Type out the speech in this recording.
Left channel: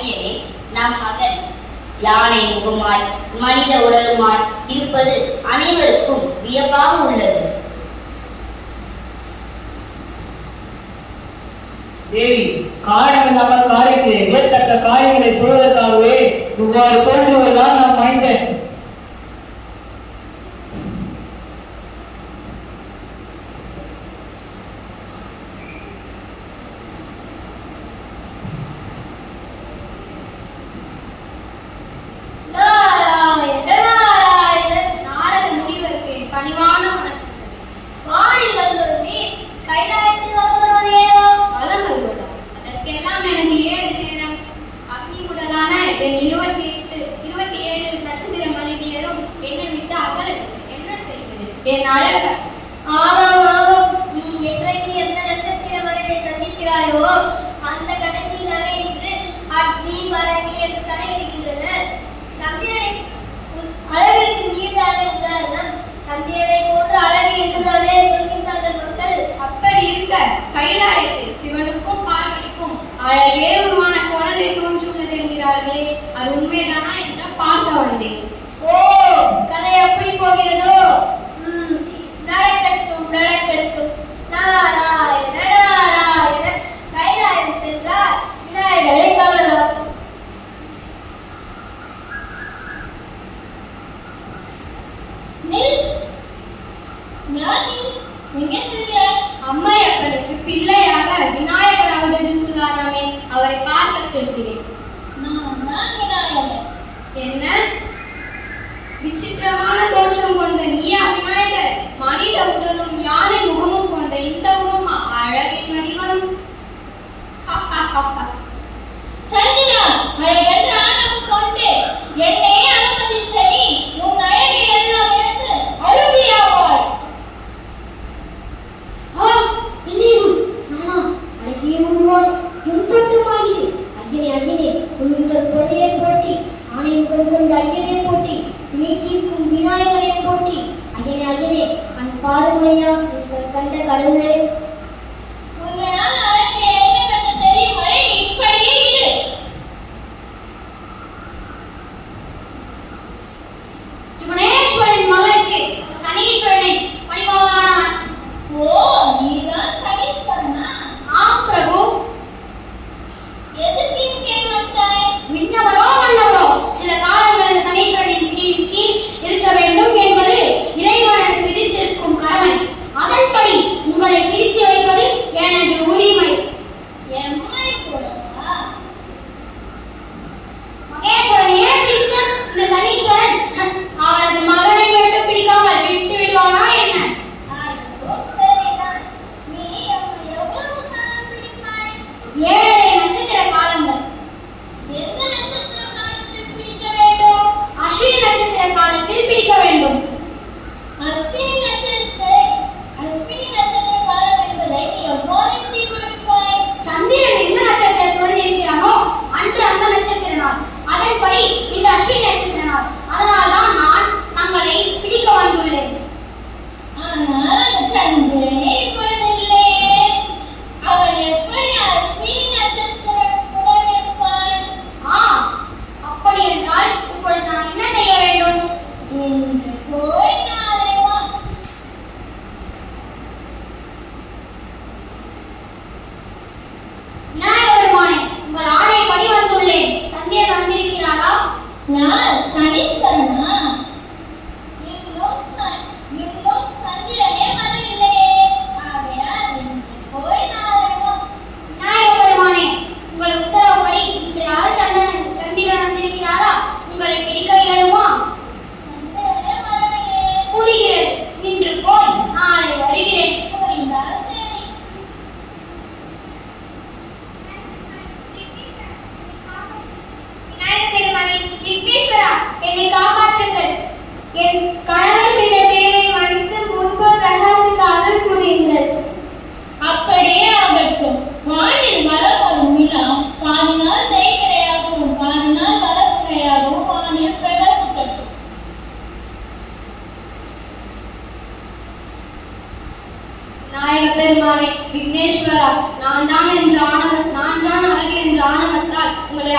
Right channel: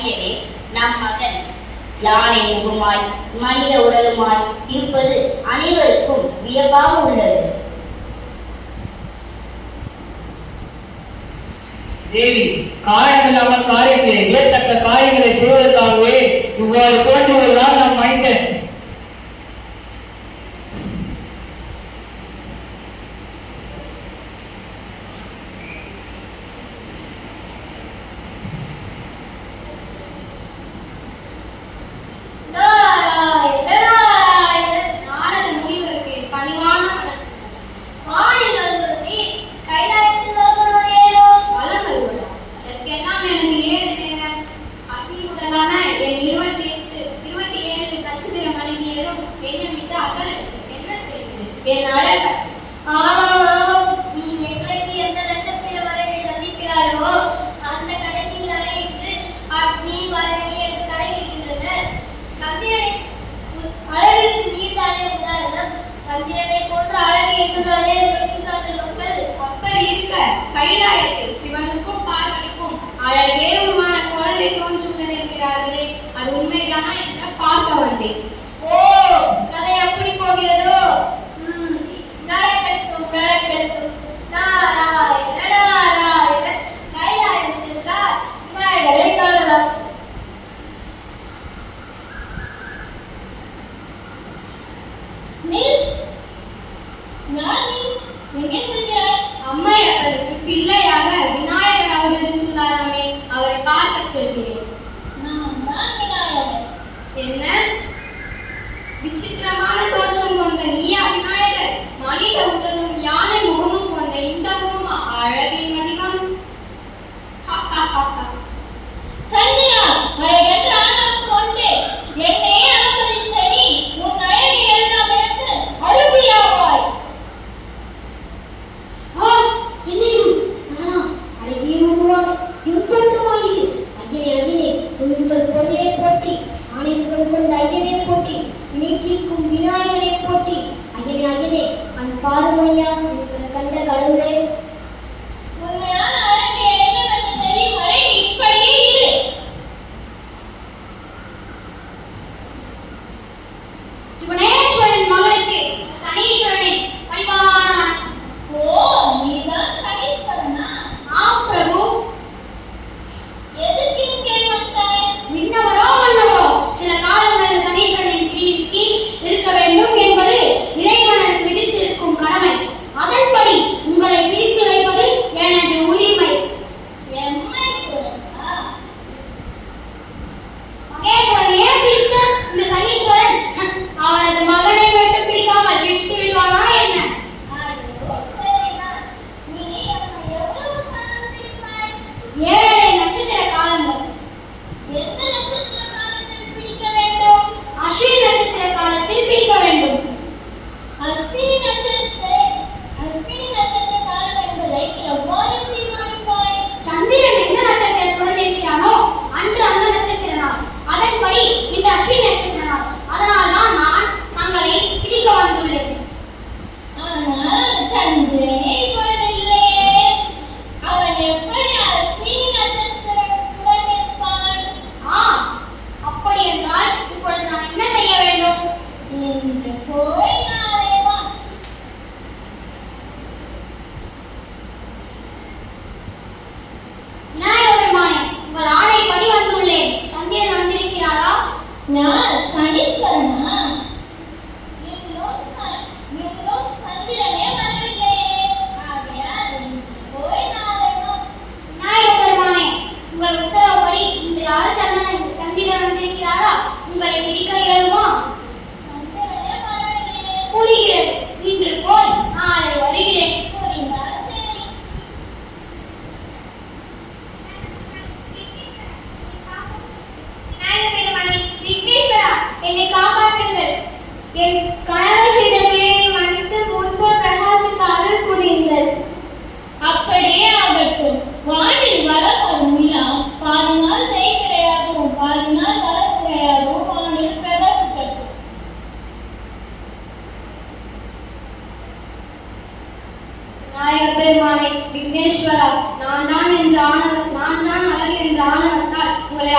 ஐயனே, நம் மகன் யானை முகமாய் மனித உடலுமாய் இருப்பது அனைவருக்கும் வியப்பாக உள்ளது. தேவி, காரணமில்லாமல் காரியத்தை வியத்தக்க காரியங்களை செய்வதற்காகவே இவ்வாறு தோன்றுவதுதான் நம் மைந்தன். கைலாயத்தில் சிவனுக்கும் பார்வதிக்கும் அழகே உருவான குழந்தை தோன்றுகிறது என்கிறார்களே, அது உண்மைதானா என்று பார்க்க வந்தேன். ஓ, கதை எப்படி போகிறதோ? நடக்கட்டும் நடக்கட்டும். நாராயண நாராயண. கைலாயம் சென்றார் விநாயகரை காணலாம். அம்மையப்பனுக்கு பிள்ளையாக விநாயகர் அவர்கள் இருந்தாராமே, அவரை பார்க்க சொல்கிறேன். என்ன விசித்திரமான தோற்றம் கொண்ட நீயா விநாயகர்? மனித உடலும் யானை முகமும் கொண்ட இந்த உருவமா? அழகின் வடிவம். சந்திரா, அழகென்ற ஆணவம் கொண்டு என்னை அனுமதித்த நீ உன் அழகை எல்லாம் இழந்து அழுபியாவாய். விக்னேஸ்வரா, நான் தான் அழகு என்ற ஆணவத்தால் உங்களை